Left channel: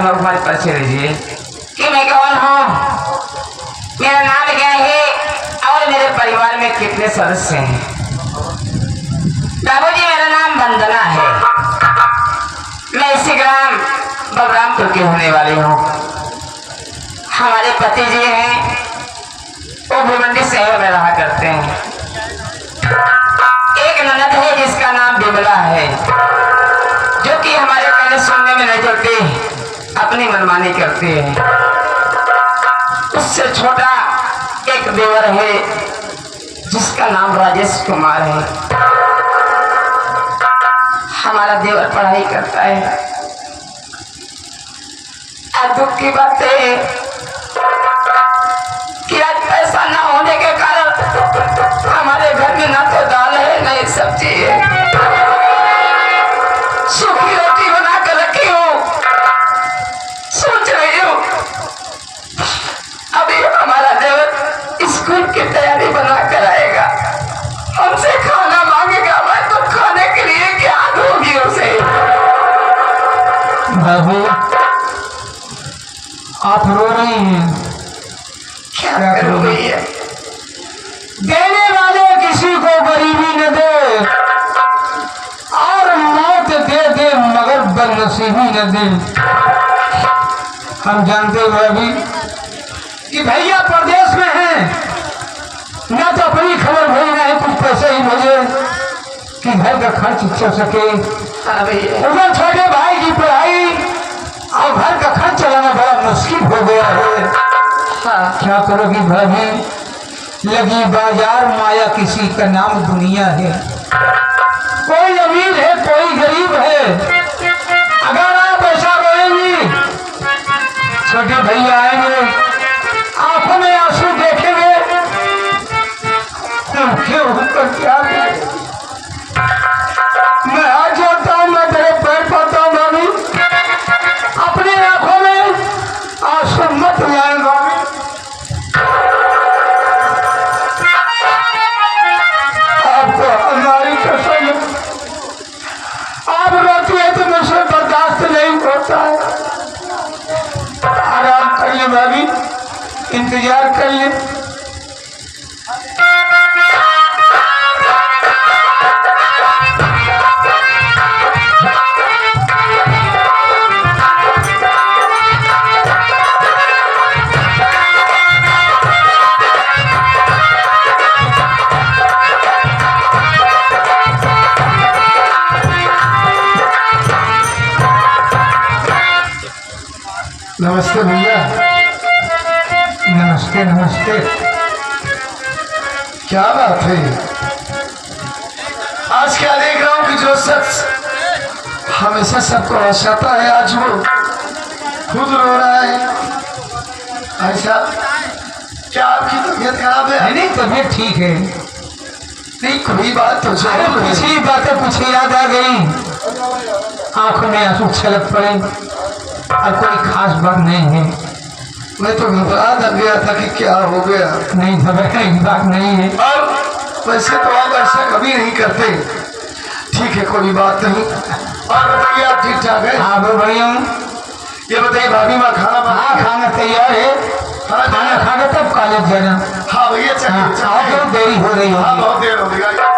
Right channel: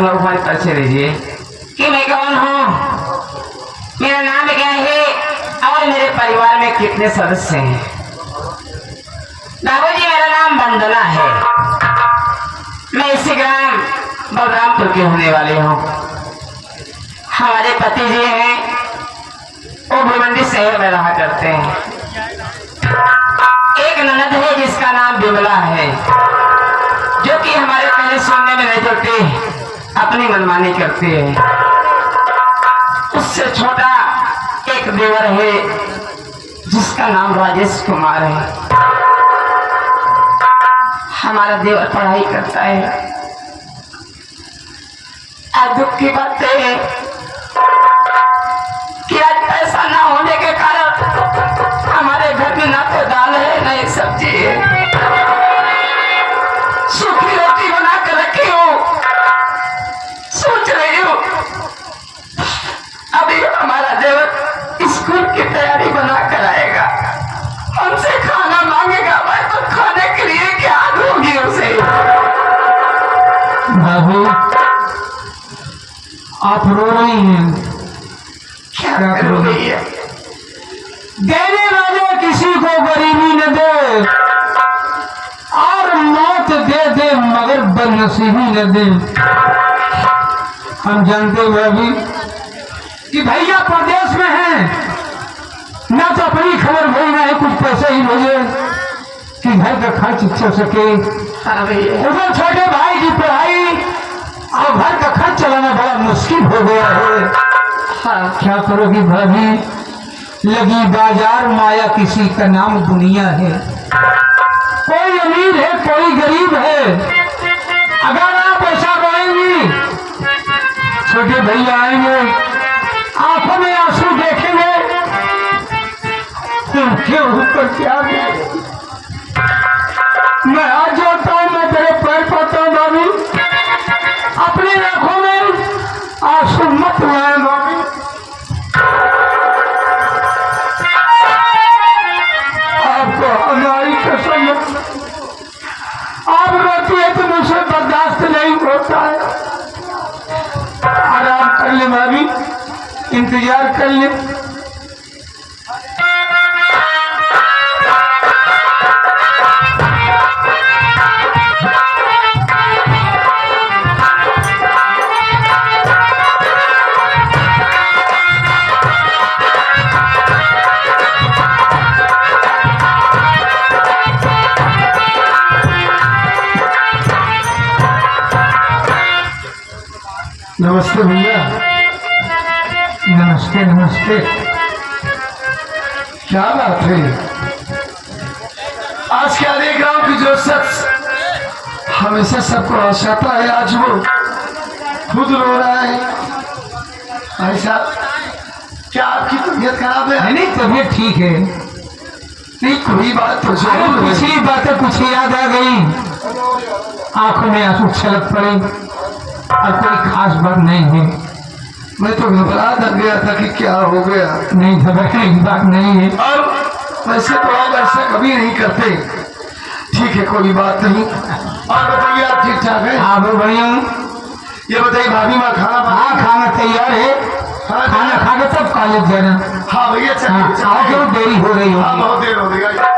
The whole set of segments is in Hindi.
आप लोग हमारे परिचय दीजिए कि मैं कौन हूँ, मेरा नाम क्या है और मेरे परिवार में कितने सदस्य हैं। बाबूजी, मेरा नाम वंदना है। मैं इसी ग्राम बलरामपुर की होने वाली हूँ। हमारे पति जी हैं, वो भिवंडी शहर में रहा करते हैं। एक ननद है जिसका नाम बिमला है, जो कि हमारे कहने सुनने में नहीं चलती, अपनी मनमानी करती है। उससे छोटा एक देवर है जिसका नाम राजेश कुमार है। हमारा देवर पढ़ाई करता है। आज दुख की बात है कि आज पैसा ना होने के कारण हमारे घर में ना तो दाल है ना ही सब्जी है। सूखी रोटी बना कर रखी हूँ। सोच रही हूँ अभी हमारा देवर स्कूल की तैयारी बना कर आएगा, हमसे खाना मांगेगा, मैं तो खाने के लिए क्या दूंगी उसे। बाबू, आप रो रही हैं, क्या करो भैया? देने वाले किसी को गरीबी न दे और मौत दे दे मगर बदनसीबी न दे। हम जानते हैं अभी कि भैया प्रदेश में हैं, ना तो अपनी खबर भेज रहे हैं, कुछ पैसे ही भेजे कि घर का खर्च चल सके। उधर छोटे भाई की पढ़ाई और घर का खर्च चलाना बड़ा मुश्किल हो गया है। क्या करोगी भाभी, लगी बाजार माया किसी का नाम दुनिया है। कोई अमीर है कोई गरीब है। अगर आप ऐसा बोलेंगी, छोटे भैया आएंगे, आंखों में आंसू देखेंगे, उनके ऊपर क्या करें? मैं आज जाता हूँ, मैं तेरे पैर पड़ता हूँ भाभी, अपने आंखों में आंसू मत लाए भाभी। आपको हमारी कसम, आप रोती है तो मुझसे बर्दाश्त नहीं होता है। आराम कर ले भाभी, इंतजार कर ले। नमस्ते भैया, नमस्ते नमस्ते। क्या बात है, आज क्या देख रहा हूँ कि जो शख्स हमेशा सबको हंसाता है आज वो खुद रो रहा है। ऐसा क्या आपकी तबीयत खराब है? नहीं, तबीयत ठीक है। नहीं, कोई बात तो पिछली बातें कुछ याद आ गई, आंखों में आंसू छलक पड़े और कोई खास बात नहीं है। मैं तो घबरा गया था कि क्या हो गया। नहीं, घबराने की बात नहीं है। और वैसे तो आप ऐसे कभी नहीं करते। ठीक है, कोई बात नहीं। और बताइए, आप ठीक ठाक है? हाँ भैया। ये बताइए भाभी माँ खाना? हाँ, खाना तैयार है। खाना खा के तब कॉलेज जाना। हाँ भैया, चलिए, देरी हो रही है। हाँ, बहुत देर हो गई।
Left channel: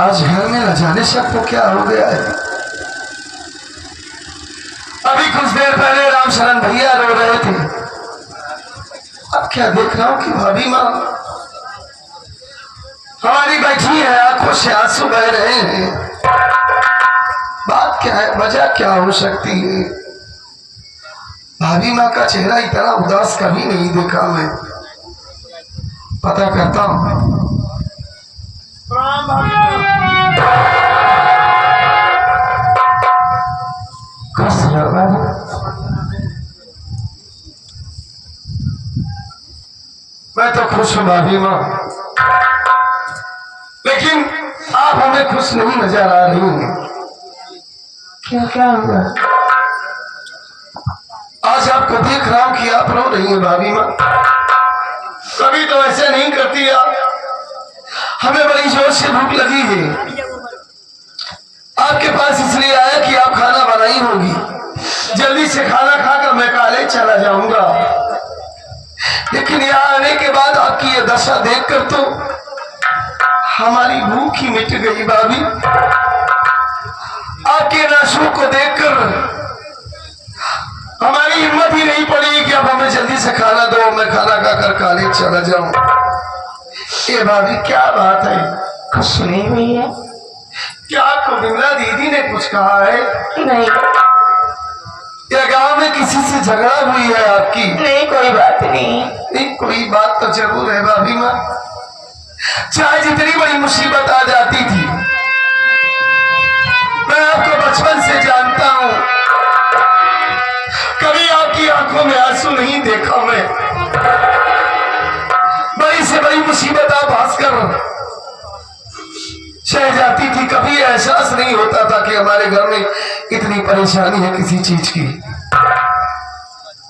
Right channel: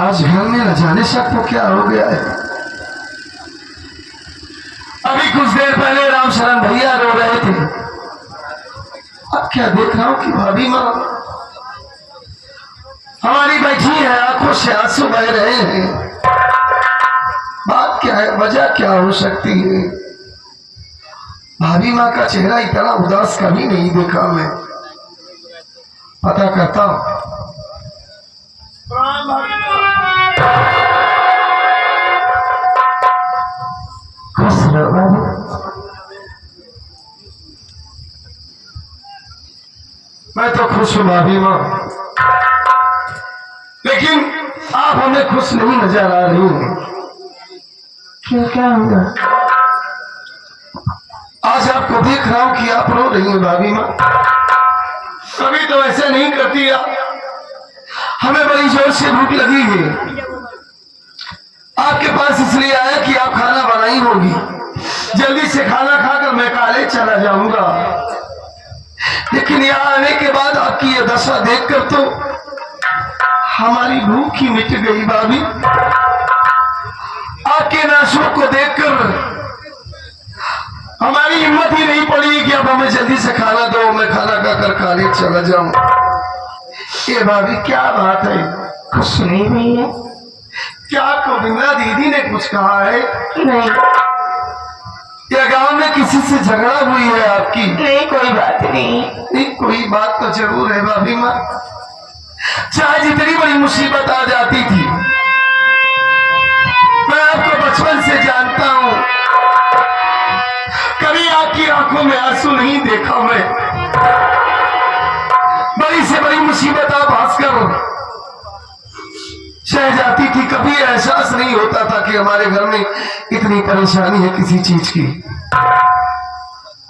आज घर में न जाने सबको क्या हो गया है। अभी कुछ देर पहले राम शरण भैया रो रहे थे, अब क्या देख रहा हूँ कि भाभी माँ हमारी बैठी है, आंखों से आंसू बह रहे हैं। बात क्या है, वजह क्या हो सकती है? भाभी माँ का चेहरा इतना उदास कभी नहीं देखा मैं। पता करता हूँ। खुश रहो बाबू। मैं तो खुश हूँ भाभी माँ, लेकिन आप हमें खुश नहीं नजर आ रही हैं। क्यों, क्या हुआ? आज आपको देख रहा हूँ कि आप रो रही हैं भाभी माँ। सभी तो ऐसे नहीं करती आप। हमें बड़ी जोर से भूख लगी है, आपके पास इसलिए आया कि आप खाना बनाई होगी। जल्दी से खाना खाकर मैं कॉलेज चला जाऊंगा। लेकिन यहाँ आने के बाद आपकी ये दशा देखकर तो हमारी भूख ही मिट गई भाभी। आपके नाशों को देखकर हमारी हिम्मत ही नहीं पड़ी कि अब हमें जल्दी से खाना दो, मैं खाना खाकर कॉलेज चला जाऊं। ये भाभी क्या बात है? कुछ नहीं भैया। क्या आपको विमला दीदी ने कुछ कहा है? नहीं या गांव में किसी से झगड़ा हुई है आपकी? नहीं, कोई बात नहीं। एक कोई बात तो जरूर है भाभी माँ। चाहे जितनी बड़ी मुसीबत आ जाती थी, मैं आपको बचपन से जानता हूँ, कभी आपकी आंखों में आंसू नहीं देखा मैं। बड़ी से बड़ी मुसीबत आप हंसकर सह जाती थी, कभी एहसास नहीं होता था कि हमारे घर में इतनी परेशानी है किसी चीज की।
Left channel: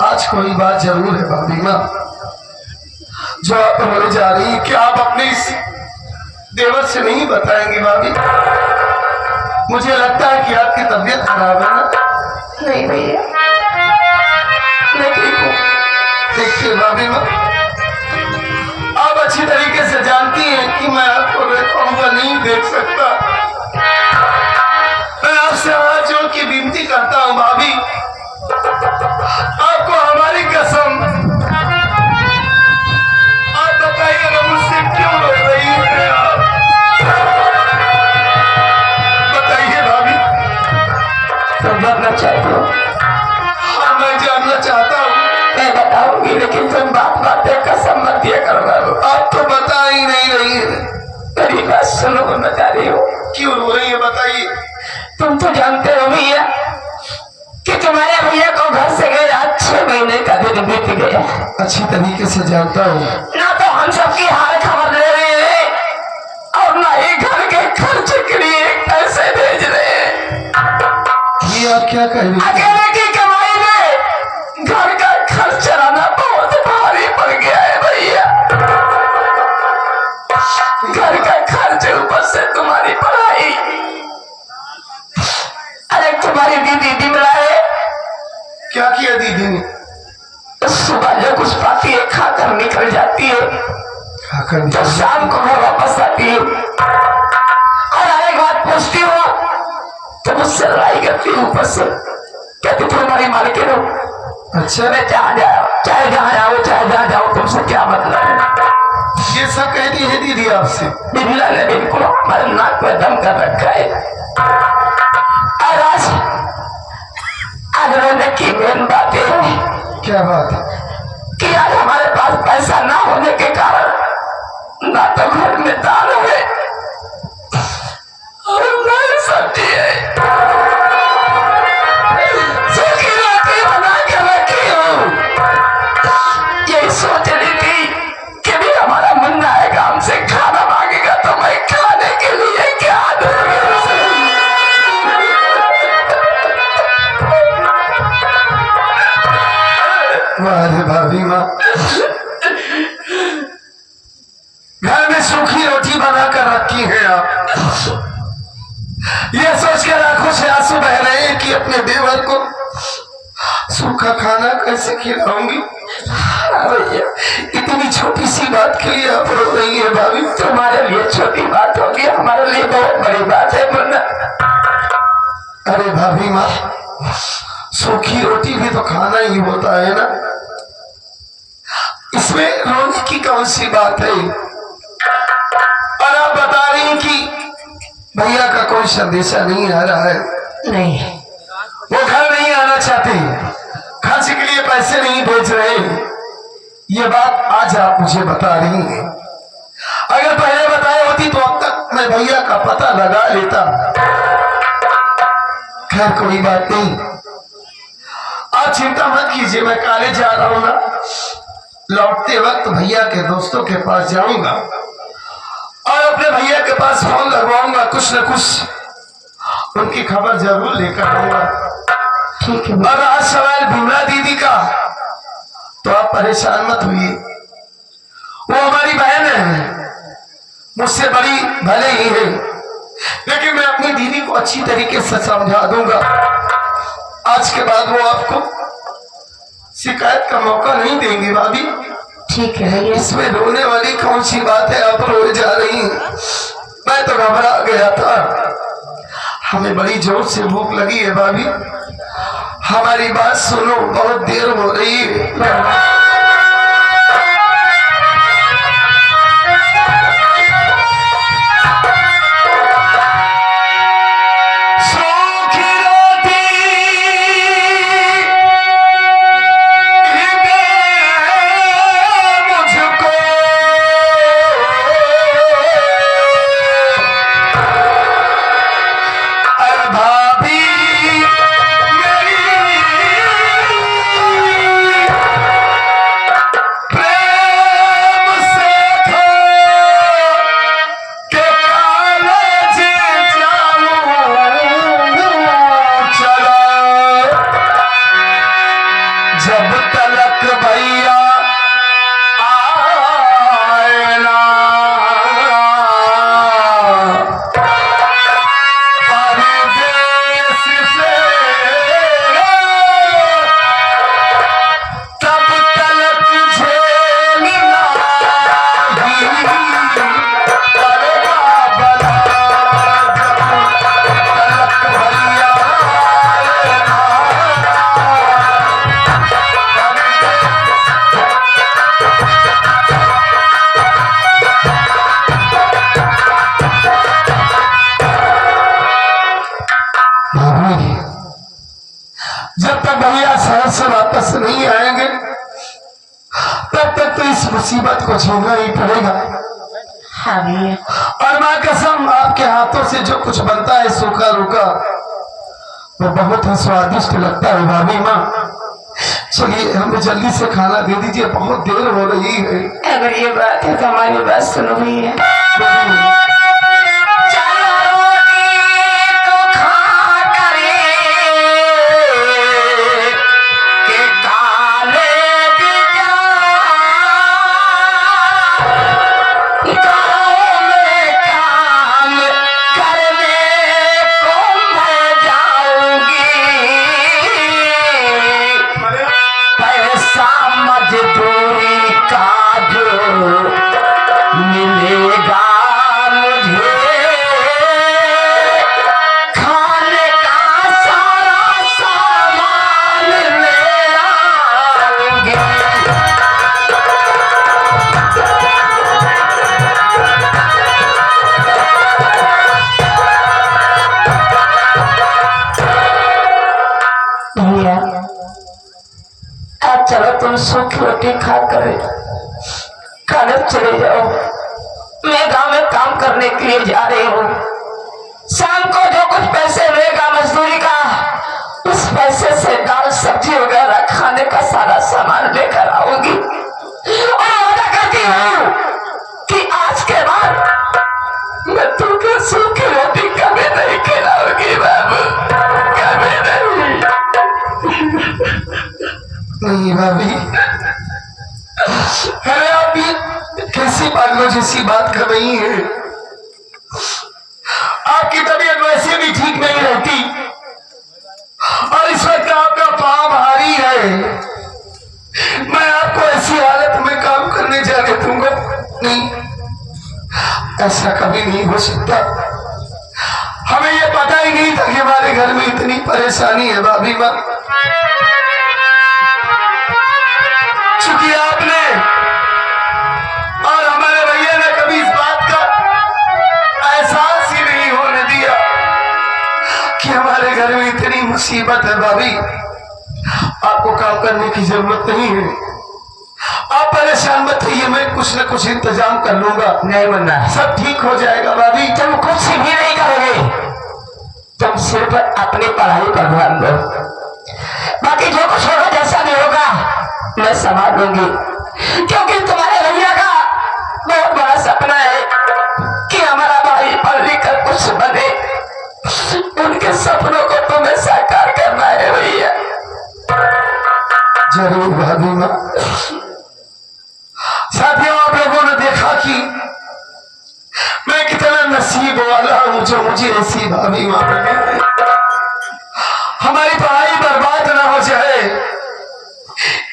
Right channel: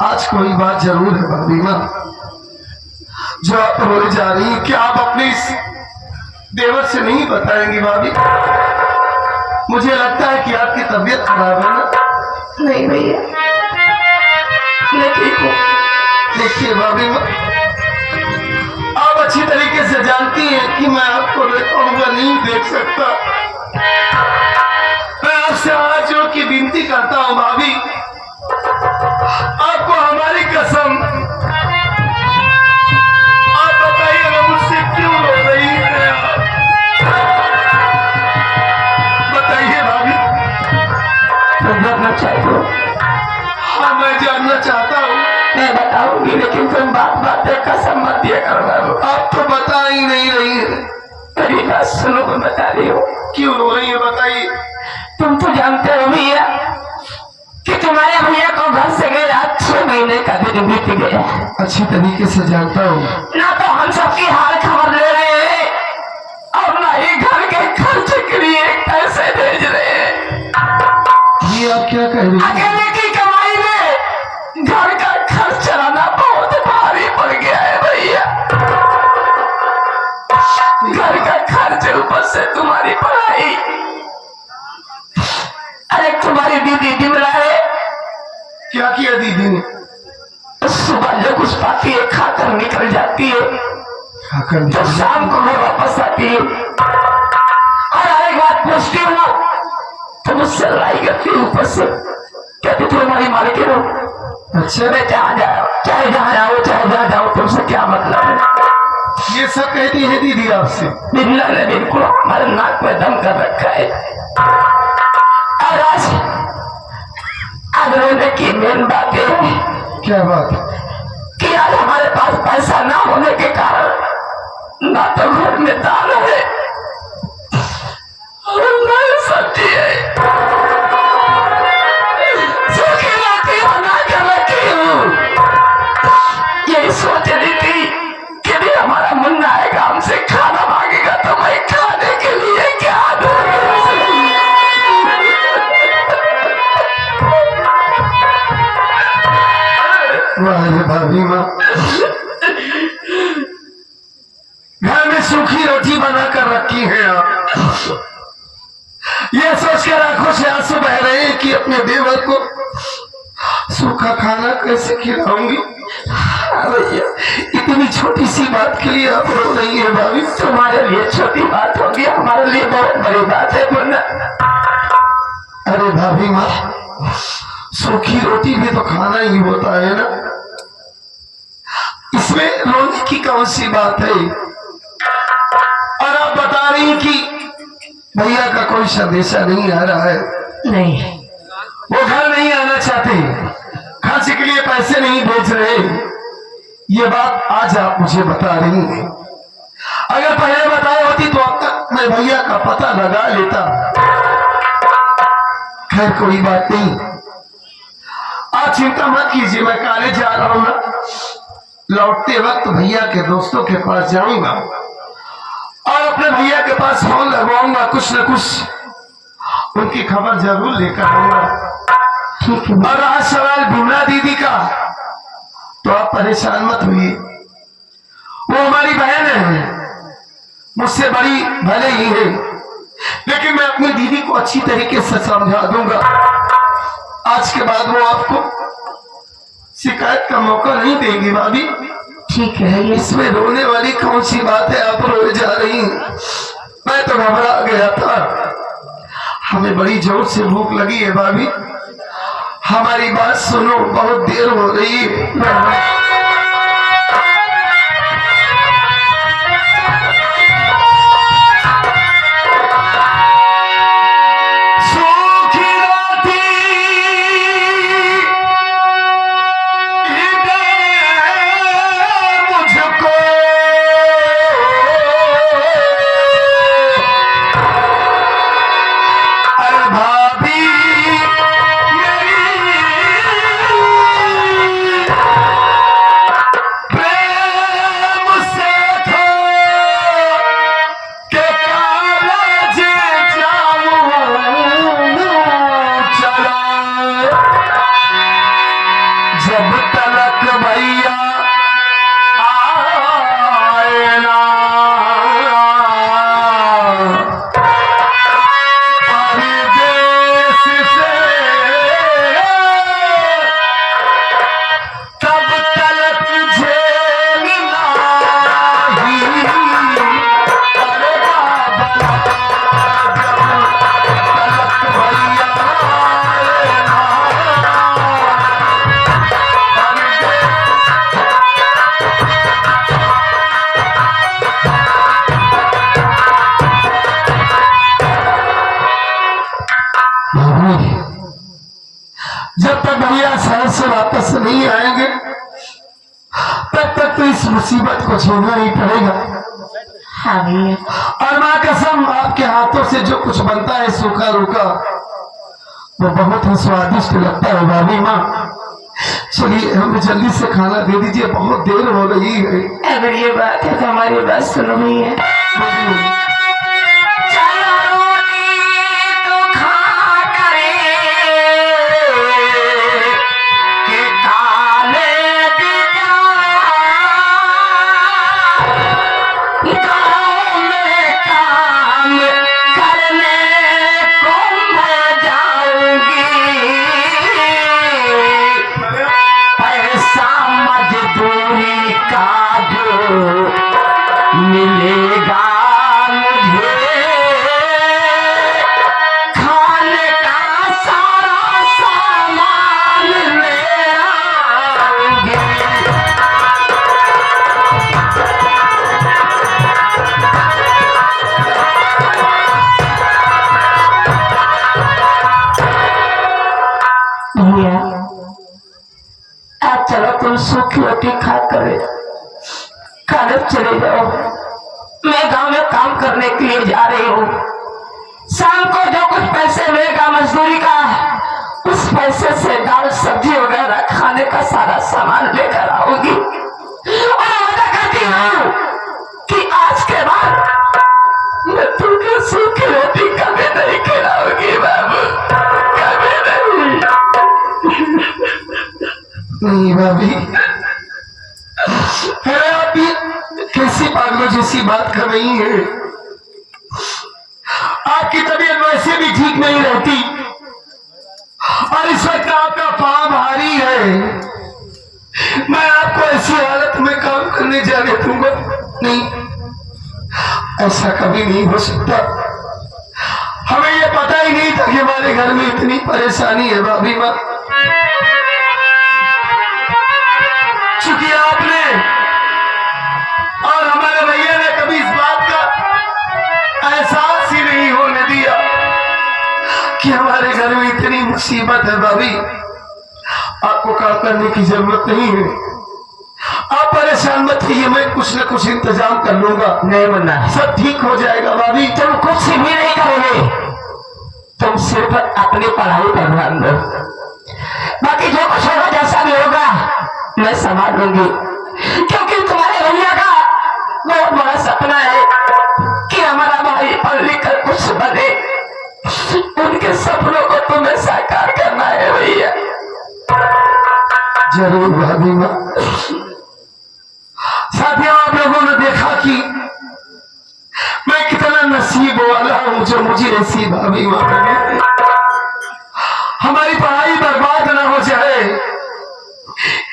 आज कोई बात जरूर है भाभी माँ जो आप रोए जा रही है। क्या आप अपने इस देवर से नहीं बताएंगी भाभी? मुझे लगता है कि आपकी तबीयत खराब है ना। नहीं भैया, मैं ठीक हूँ। देखिए भाभी माँ, आप अच्छी तरीके से जानती हैं कि मैं आपको देखा हुआ नहीं देख सकता। मैं आपसे हाथ जोड़ के विनती करता हूँ भाभी, आपको हमारी कसम, आप बताइए ना मुझसे क्यों रो रही है आप? बताइए भाभी। तो जानना चाहते हो? हाँ, मैं जानना चाहता हूँ। मैं बताऊंगी, लेकिन तुम बात बात पे कसम मत दिया करो बाबू। आप तो बता ही नहीं रही है। मेरी बात सुनो, मैं बता रही हूँ। क्यों रो रही है बताइए। तुम तो जानते हो भैया कि तुम्हारे भैया को घर से गए 6 महीने का दिन बीत गया। अच्छी तरीके से जानता हूँ। ना तो हम सबकी हाल खबर ले रहे हैं और ना ही घर के खर्च के लिए पैसे भेज रहे हैं। ये आप क्या कह रही हैं? अकेले की कमाई में घर का खर्च चलाना बहुत भारी पड़ गया है भैया। घर का खर्च, ऊपर से तुम्हारी पढ़ाई। अरे तुम्हारी दीदी दिमला है। क्या किया दीदी ने? सुबह जो कुछ पाती है खाकर निकल जाती है, खाकर तो शाम को घर वापस आती है और एक बात पूछती हूँ तो मुझसे लड़ाई करती है। ऊपर से कहती तुम हमारी मालिक हो। अच्छा, मैं जहाँ जाओ, चाहे जहाँ जाओ, चाहे जहाँ जाओ, तुमसे क्या मतलब है? ये सब कहती है दीदी आपसे? बिमला ने बिल्कुल हमारे नाक पर दम कर रखा है। और आज रोने की मेन बात है। क्या बात है? कि आज हमारे पास पैसा ना होने के कारण ना तो घर में दाल है और ना ही सब्जी है। सूखी रोटी बना कर रखी हूँ। यही सोच रही थी कि भी हमारा मुन्ना आएगा, हमसे खाना मांगेगा तो मैं खाने के लिए क्या दूंगा। वाह भाभी माँ, घर में सूखी रोटी बना कर रखी है आप। ये सोचकर आंखों से आंसू बह रहे हैं कि अपने देवर को सूखा खाना कैसे खिलाऊंगी। भैया, इतनी छोटी सी बात के लिए आप रो रही है भाभी? तुम्हारे लिए छोटी बात होगी, हमारे लिए बहुत बड़ी बात है मुन्ना। अरे भाभी माँ, सूखी रोटी भी तो खाना ही होता है ना, इसमें रोने की कौन सी बात है? और आप बता रही कि भैया का कोई संदेशा नहीं आ रहा है? नहीं, वो घर नहीं आना चाहते, खर्च के लिए पैसे नहीं भेज रहे। ये बात आज आप मुझे बता रही हैं। अगर पहले बताए होती तो अब तक मैं भैया का पता लगा लेता। खैर कोई बात नहीं, आप चिंता मत कीजिए, मैं कॉलेज जा रहा हूं ना, लौटते वक्त भैया के दोस्तों के पास जाऊंगा और अपने भैया के पास फोन लगवाऊंगा, कुछ न कुछ उनकी खबर जरूर लेकर आऊंगा। ठीक है। और आज सवाल विमला दीदी का, तो आप परेशान मत होइए, वो हमारी बहन है, मुझसे बड़ी भले ही है, लेकिन मैं अपनी दीदी को अच्छी तरीके से समझा दूंगा। आज के बाद वो आपको शिकायत का मौका नहीं देंगी भाभी। ठीक है भैया। इसमें रोने वाली कौन सी बात है? आप रोए जा रही हैं। मैं तो घबरा गया था। हमें बड़ी जोर से भूख लगी है भाभी, हमारी बात सुनो, बहुत देर हो रही है। जब तलक भैया आए ना परदेस से, तब तलक झेलना ही अरे बाबा। जब तलक भैया आए ना जब तक भैया शहर से वापस नहीं आएंगे तब तक तो इस मुसीबत को छोड़ना ही पड़ेगा। हाँ भैया। और माँ कसम, आपके हाथों से जो कुछ बनता है सूखा रूखा, वो बहुत ही स्वादिष्ट लगता है भाभी माँ। चलिए हमें जल्दी से खाना दे दीजिए, बहुत देर हो रही है। अगर ये बात है तो हमारी बात सुनो भैया। मजदूरी का जो मिलेगा मुझे, खाने का सारा सामान ले आऊंगी। भैया आज चलो तुम सूखी रोटी खा कर खाने चले जाओ। मैं गांव में काम करने के लिए जा रही हूँ। शाम को जो कुछ पैसे मिलेगा मजदूरी का, उस पैसे से दाल सब्जी वगैरह खाने का सारा सामान लेकर आऊंगी। और वादा करती हूँ कि आज के बाद मैं तुमको सूखी रोटी कभी नहीं खिलाऊंगी बाबू, कभी नहीं। नहीं भाभी, अरे आप ये कैसी पागलों जैसी बात कर रही है? आपकी तबीयत वैसे भी ठीक नहीं रहती और इस वक्त आपका पाँव भारी है। मैं आपको ऐसी हालत में काम करने जाने दूंगा नहीं, ऐसा कभी नहीं हो सकता। हमें ये पता ही नहीं था कि हमारे घर में इतनी परेशानी है भाभी माँ। चूंकि आपने और हमारे भैया ने कभी इस बात का एहसास ही नहीं होने दिया कि हमारे घर में इतनी मुसीबत है। भाभी आपको काम करने की जरूरत नहीं है, आप परेशान मत होइए, मैं कुछ न कुछ इंतजाम कर लूंगा। नहीं मुन्ना, सब ठीक हो जाएगा भाभी। तुम कुछ भी नहीं करोगे, तुम सिर्फ अपनी पढ़ाई पर ध्यान दो। बाकी जो कुछ होगा जैसा भी होगा मैं संभाल लूंगी, क्योंकि तुम्हारे भैया का बहुत बड़ा सपना है कि हमारा भाई पढ़ लिख कर कुछ बने। उनके सपनों को तुम्हें साकार करना है भैया। जरूर भाभी माँ। साथियों, आप लोगों ने नसीब वाला हूँ जो मुझे ऐसी भाभी माँ मिले। हमारी पढ़ाई बर्बाद ना हो जाए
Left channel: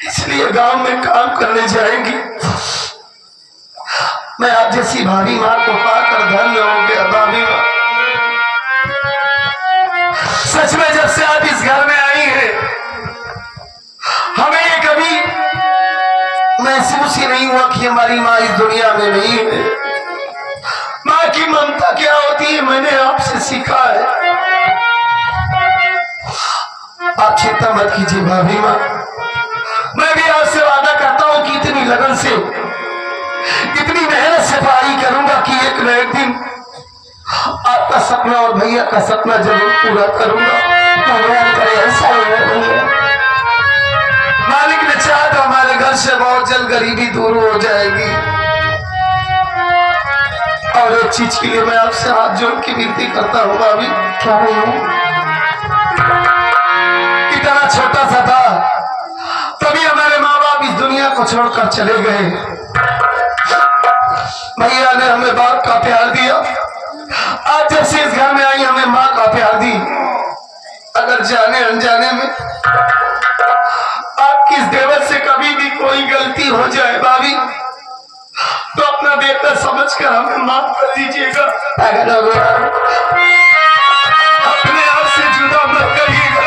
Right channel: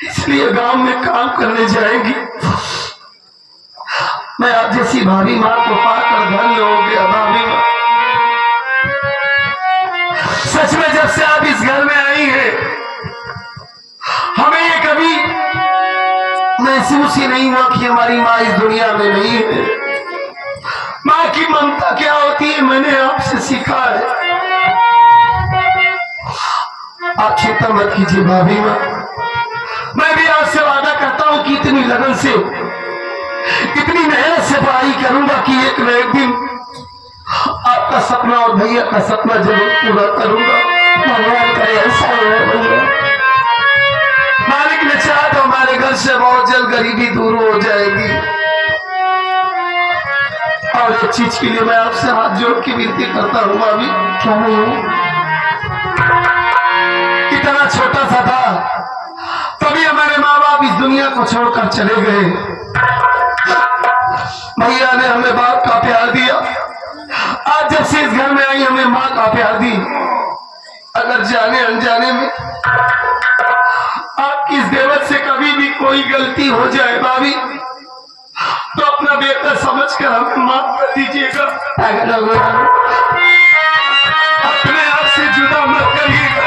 इसलिए गांव में काम करने जाएंगी। मैं आप जैसी भाभी माँ को पाकर धन्य हो गया। भाभी माँ, सच में जब से आप इस घर में आई हैं हमें ये कभी महसूस ही नहीं हुआ कि हमारी माँ इस दुनिया में नहीं है। माँ की ममता क्या होती है मैंने आपसे सीखा है। आप चिंता मत कीजिए भाभी माँ, मैं भी आपसे वादा करता हूं कि इतनी लगन से इतनी मेहनत से पढ़ाई करूंगा कि एक न एक दिन आपका सपना और भैया का सपना जरूर पूरा करूंगा। भगवान करे ऐसा हो। मालिक ने चाहा तो हमारे घर से बहुत जल्द गरीबी दूर हो जाएगी। और एक चीज के लिए मैं आपसे हाथ जोड़ के विनती करता हूँ भाभी। क्या इतना छोटा सा था तभी हमारे माँ बाप इस दुनिया को छोड़कर चले गए। भैया ने हमें बाप का प्यार दिया। आज जब से इस घर में आई हमें माँ का प्यार दी। अगर जाने अनजाने में आपकी इस देवर से कभी भी कोई गलती हो जाए भाभी तो अपना बेटा समझकर हमें माफ कर दीजिएगा। अगर अपने आप से जुदा मत करिएगा।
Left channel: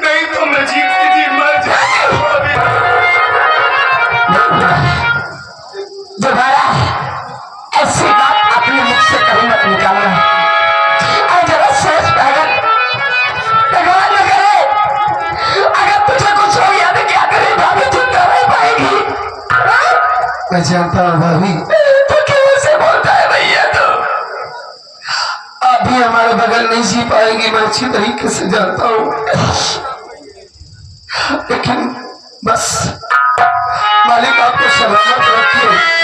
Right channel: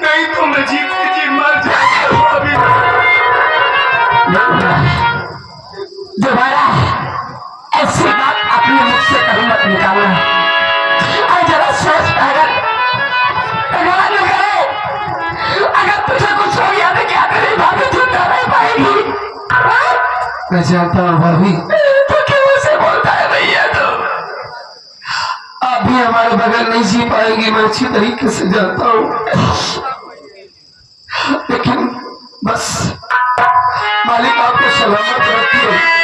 नहीं तो मैं जीते जी मर जाऊंगा। दोबारा ऐसी बात अपने मुख से कभी मत निकालना। और जरा सोच पागल, भगवान न करे अगर तुझे कुछ हो गया तो क्या करे भाभी, जिंदा रह पाएगी? मैं जानता हूँ भाभी, तो क्यों ऐसे बोलता है भैया? तो आप भी हमारे बगल नहीं जी पाएगी, मैं अच्छी तरीके से जानता हूँ। लेकिन बस मालिक आपको सलामत रखिए।